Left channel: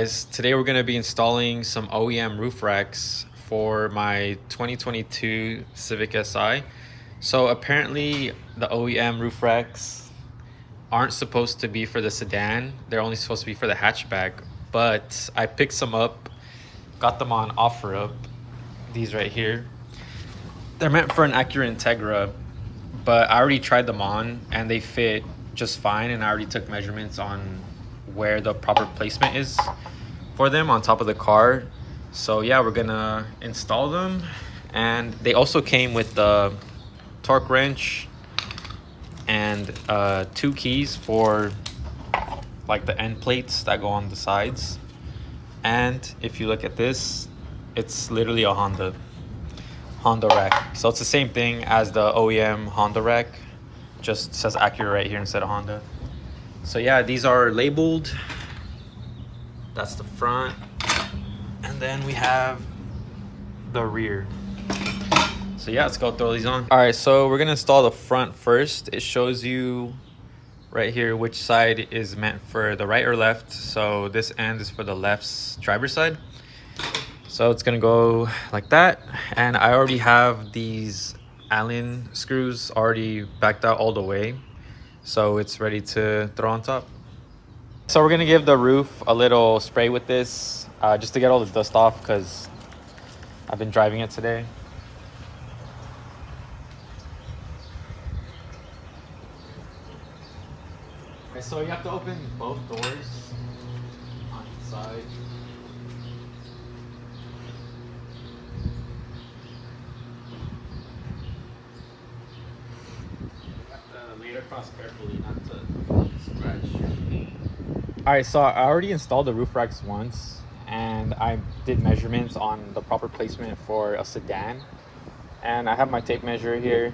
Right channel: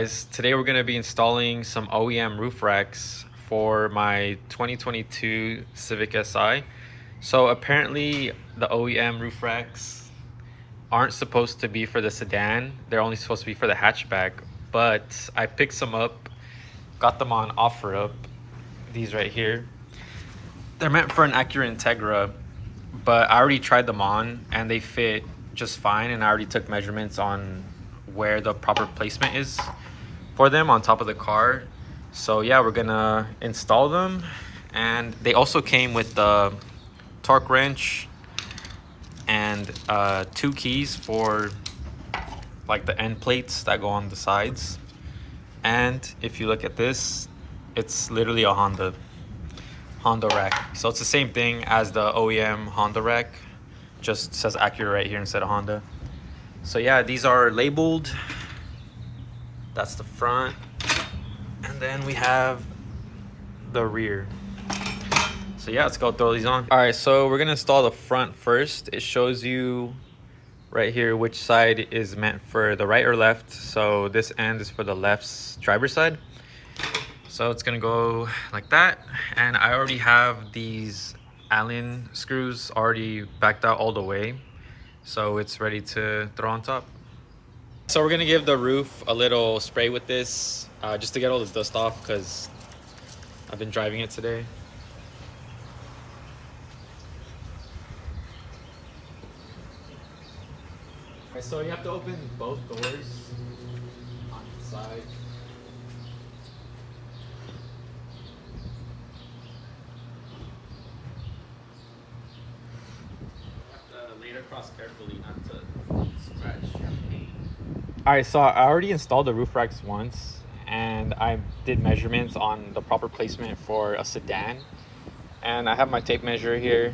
guys, today we're going to be installing some OEM roof racks for my 2022 Civic Si. So apparently the OEM roof racks aren't supposed to be for the sedan, they're only supposed to be for the hatchback, but I picked some up, got them on OfferUp, these right here. They're meant for an Acura Integra, but I already tried them on and they fit just fine, and I already took measurements on where the proper placement is for them on top of the car. So yeah, we're gonna install them, and they also came with the torque wrench and 2 keys for like the end plates that go on the sides. And if you look at this, it's literally a Honda rack. So it's the same thing as the OEM Honda rack, just says Acura right here instead of Honda. So yeah, these are labeled. That's the front, and then we have the rear. So yeah, let's go throw these on. All right, so we're gonna install the front first. It shows you right here which side is meant for the right or left. So this end is for the left's driver's side. So it's gonna go like that, and I already have these Allen screws already backed out all the way, so it's ready to throw on top. So we're gonna give the roof a little spray with this, just to get all the dust off, because I've been driving it today. Okay, so you have to open both doors on each side. Lay it across carefully, not to scratch your paint. All right, so I already installed the roof racks once, and I did measurements on the proper placement for a sedan, and I have my tape measure here.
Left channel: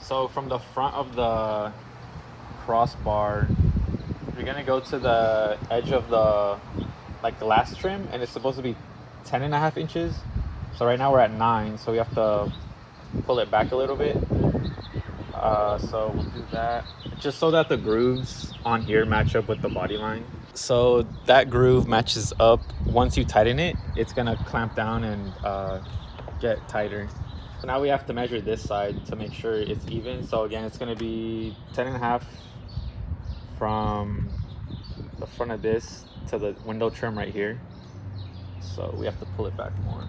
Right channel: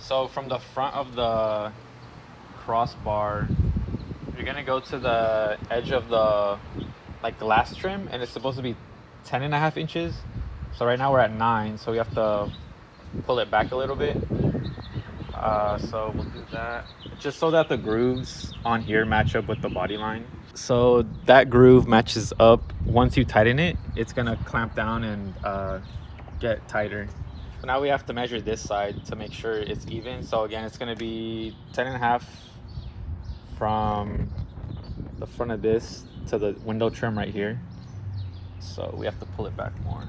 So from the front of the crossbar, you're gonna go to the edge of the glass trim, and it's supposed to be 10.5 inches. So right now we're at 9, so we have to pull it back a little bit. So we'll do that just so that the grooves on here match up with the body line. So that groove matches up. Once you tighten it, it's gonna clamp down and get tighter. So now we have to measure this side to make sure it's even. So again, it's gonna be 10.5 from the front of this to the window trim right here. So we have to pull it back more.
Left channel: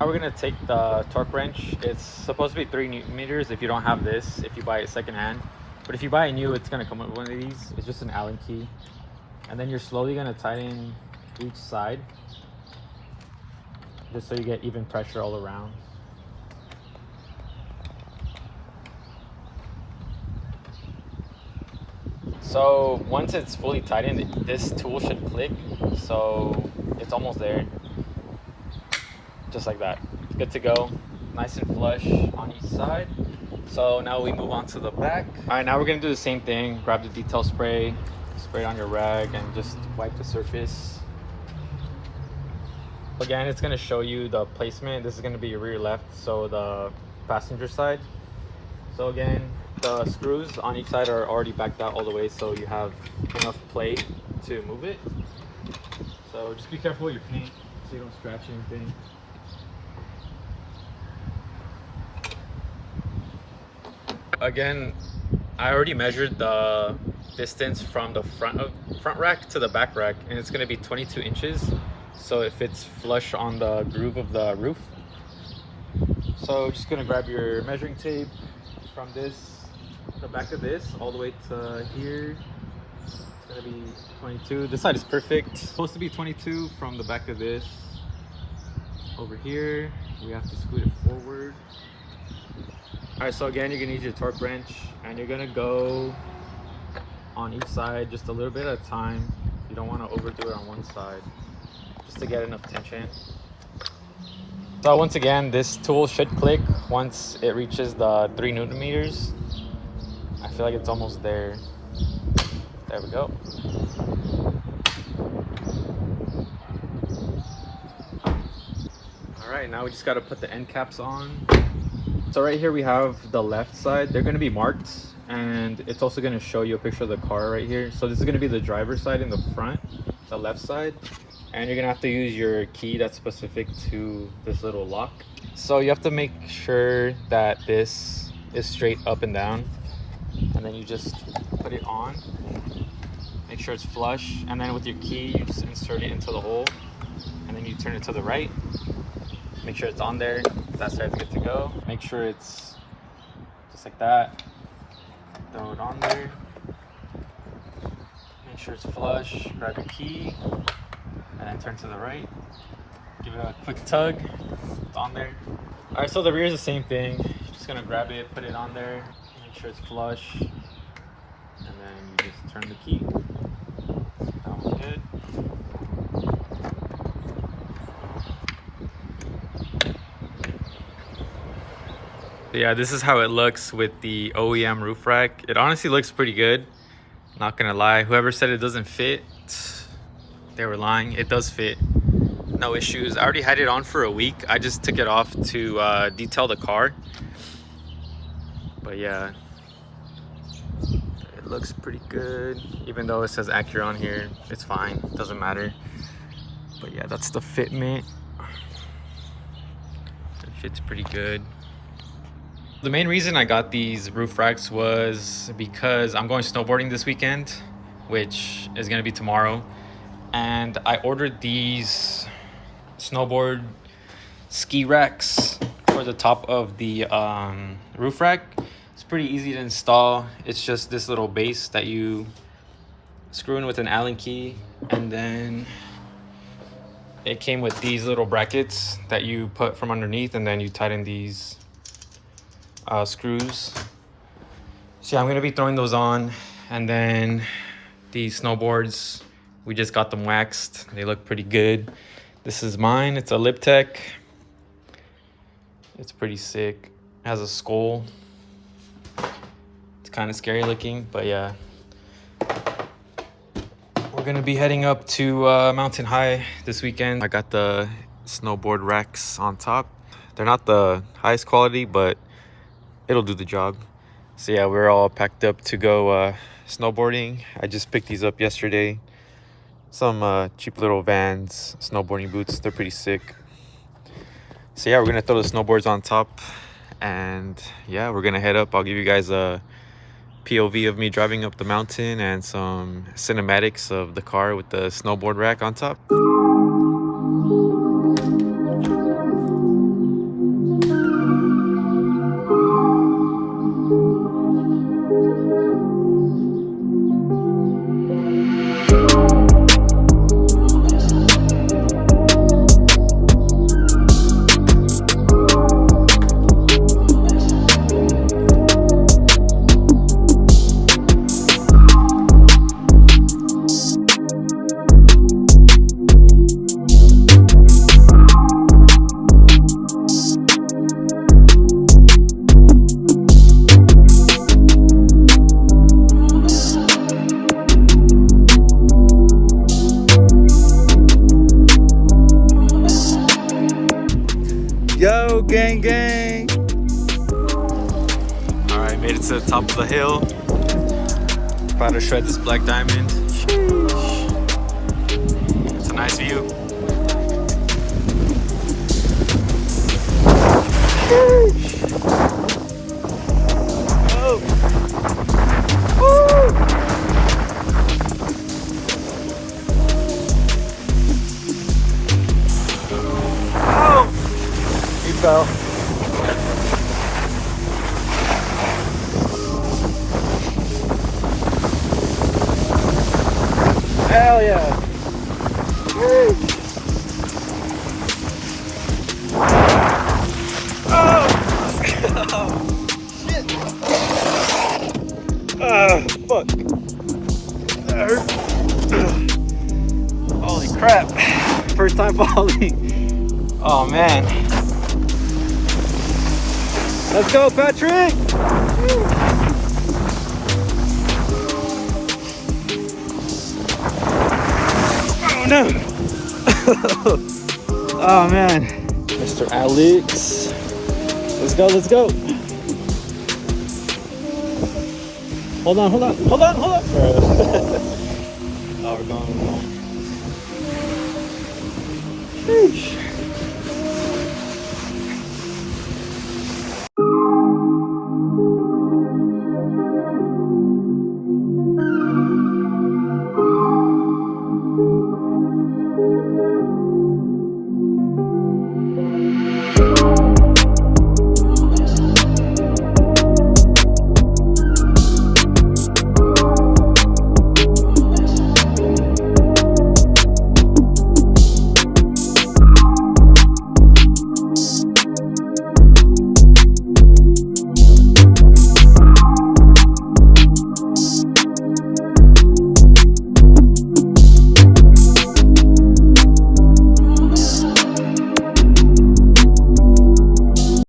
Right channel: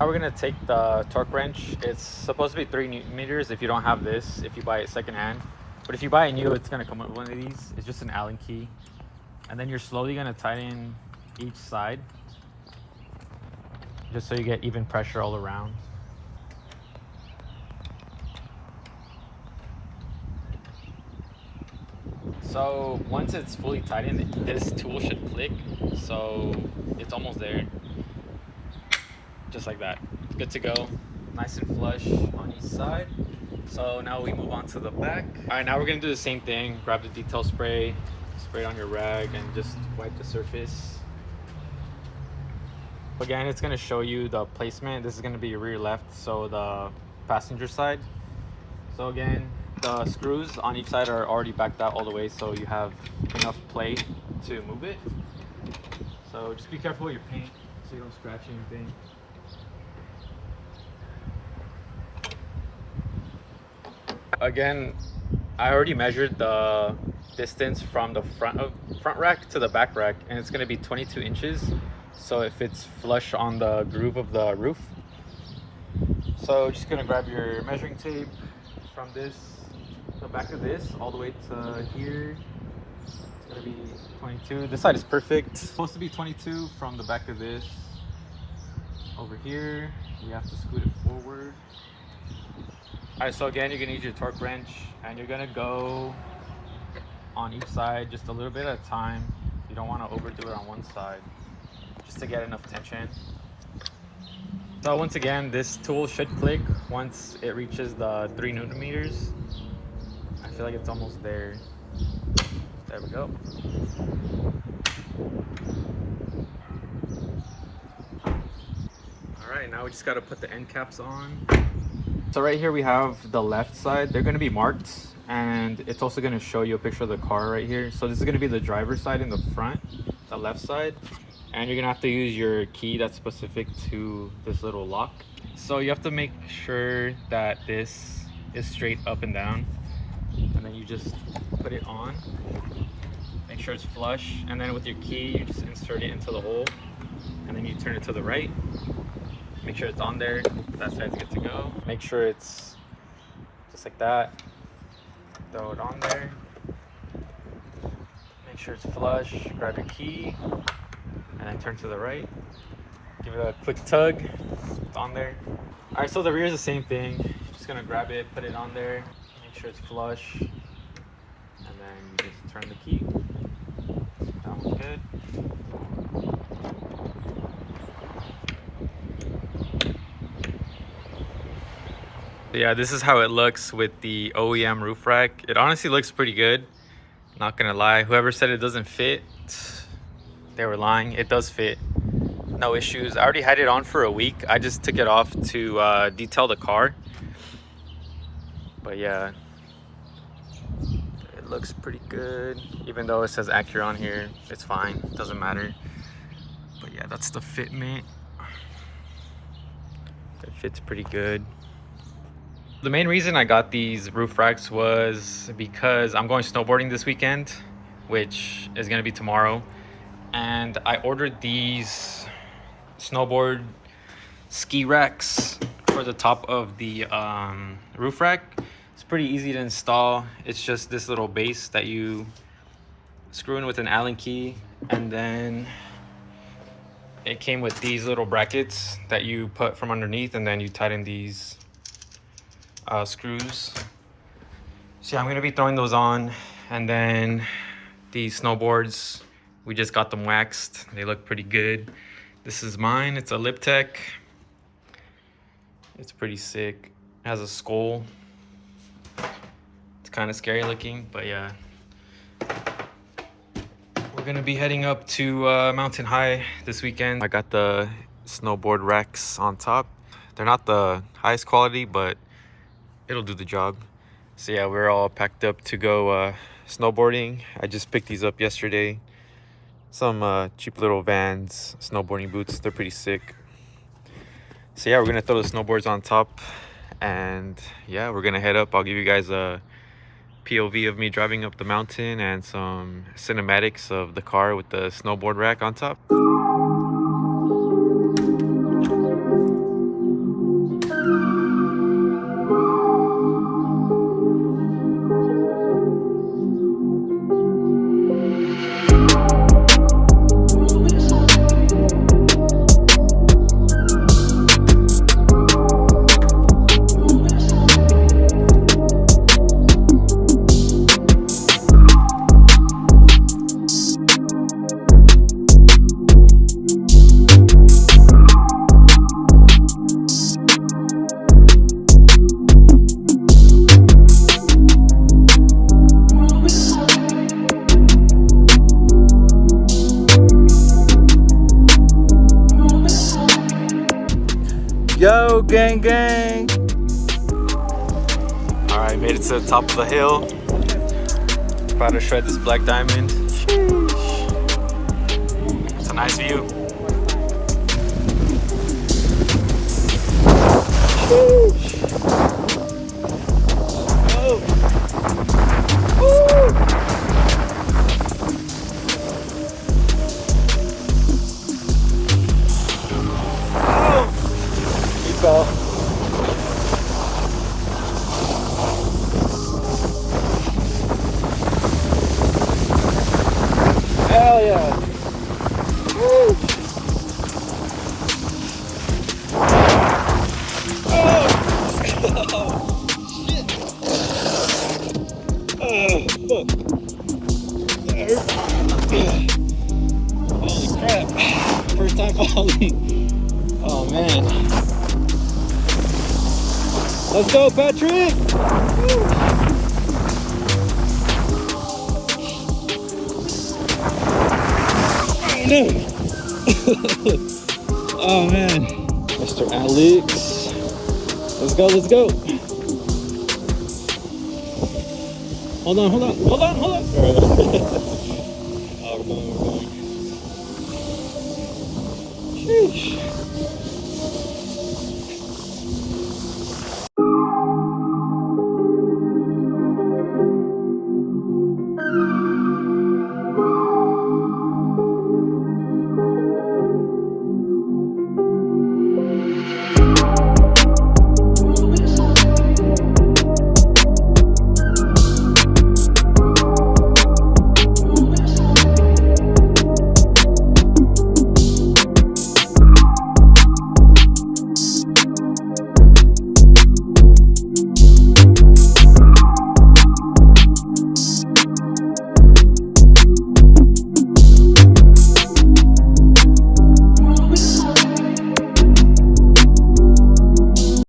Now we're gonna take the torque wrench. It's supposed to be 3 Newton meters if you don't have this, if you buy it secondhand. But if you buy it new, it's gonna come with one of these. It's just an Allen key. And then you're slowly gonna tighten each side, just so you get even pressure all around. So once it's fully tightened, this tool should click. So it's almost there. Just like that. Good to go. Nice and flush on each side. So now we move on to the back. All right, now we're gonna do the same thing. Grab the detail spray, spray it on your rag, and just wipe the surface. Again, it's gonna show you the placement. This is gonna be your rear left, so the passenger side. So again, the screws on each side are already backed out all the way, so you have enough play to move it. So just be careful with your paint so you don't scratch anything. Again, I already measured the distance from the front rack to the back rack, and it's gonna be 22 inches. So it fits flush on the groove of the roof. So just gonna grab your measuring tape from the back of this, all the way to here. It's gonna be 22. This side is perfect. It's supposed to be 22 from the back of this. Over here, we have to scoot it forward. All right, so again, you're gonna use your torque wrench, and you're gonna go on each side just a little bit at a time. You don't want to overdo it on one side, just to get enough tension. So once again, this tool should click once it reaches the 3 Newton meters. I feel like it's almost there. There we go. All right, now we just got to put the end caps on. So right here we have the left side. They're going to be marked and it's also going to show you a picture of the car right here. So this is going to be the driver's side in the front, the left side, and you're going to have to use your key that's specific to this little lock. So you have to make sure that this is straight up and down, and then you just put it on, make sure it's flush, and then with your key you just insert it into the hole, and then you turn it to the right, make sure it's on there, that side's good to go. Make sure it's just like that, throw it on there, make sure it's flush, grab your key, and then turn to the right, give it a quick tug, it's on there. All right, so the rear is the same thing. You're just gonna grab it, put it on there, make sure it's flush, and then you just turn the key. That one's good. Yeah, this is how it looks with the OEM roof rack. It honestly looks pretty good, not gonna lie. Whoever said it doesn't fit, they were lying. It does fit, no issues. I already had it on for a week. I just took it off to detail the car, but yeah, it looks pretty good. Even though it says Acura on here, it's fine, doesn't matter. But yeah, that's the fitment. It fits pretty good. The main reason I got these roof racks was because I'm going snowboarding this weekend, which is gonna be tomorrow, and I ordered these snowboard ski racks for the top of the roof rack. It's pretty easy to install. It's just this little base that you screw in with an Allen key, and then it came with these little brackets that you put from underneath, and then you tighten these screws. So yeah, I'm gonna be throwing those on, and then these snowboards, we just got them waxed. They look pretty good. This is mine. It's a Lip Tech. It's pretty sick. It has a skull. It's kind of scary looking, but yeah. We're gonna be heading up to Mountain High this weekend. I got the snowboard racks on top. They're not the highest quality, but it'll do the job. So yeah, we're all packed up to go snowboarding. I just picked these up yesterday. Some cheap little Vans snowboarding boots. They're pretty sick. So yeah, we're gonna throw the snowboards on top, and yeah, we're gonna head up. I'll give you guys a POV of me driving up the mountain and some cinematics of the car with the snowboard rack on top. Yo, gang, gang. All right, made it to the top of the hill. About to shred this black diamond. Sheesh. It's a nice view. Sheesh. Oh. Woo. Oh. He fell. Hell yeah. Woo. Oh, let's go. Shit. Fuck. That hurt. Holy crap. First time falling. Oh man. Let's go, Patrick. Woo. Oh no. Oh man. Mr. Alex. Let's go, let's go. Hold on. Oh, we're going. Sheesh.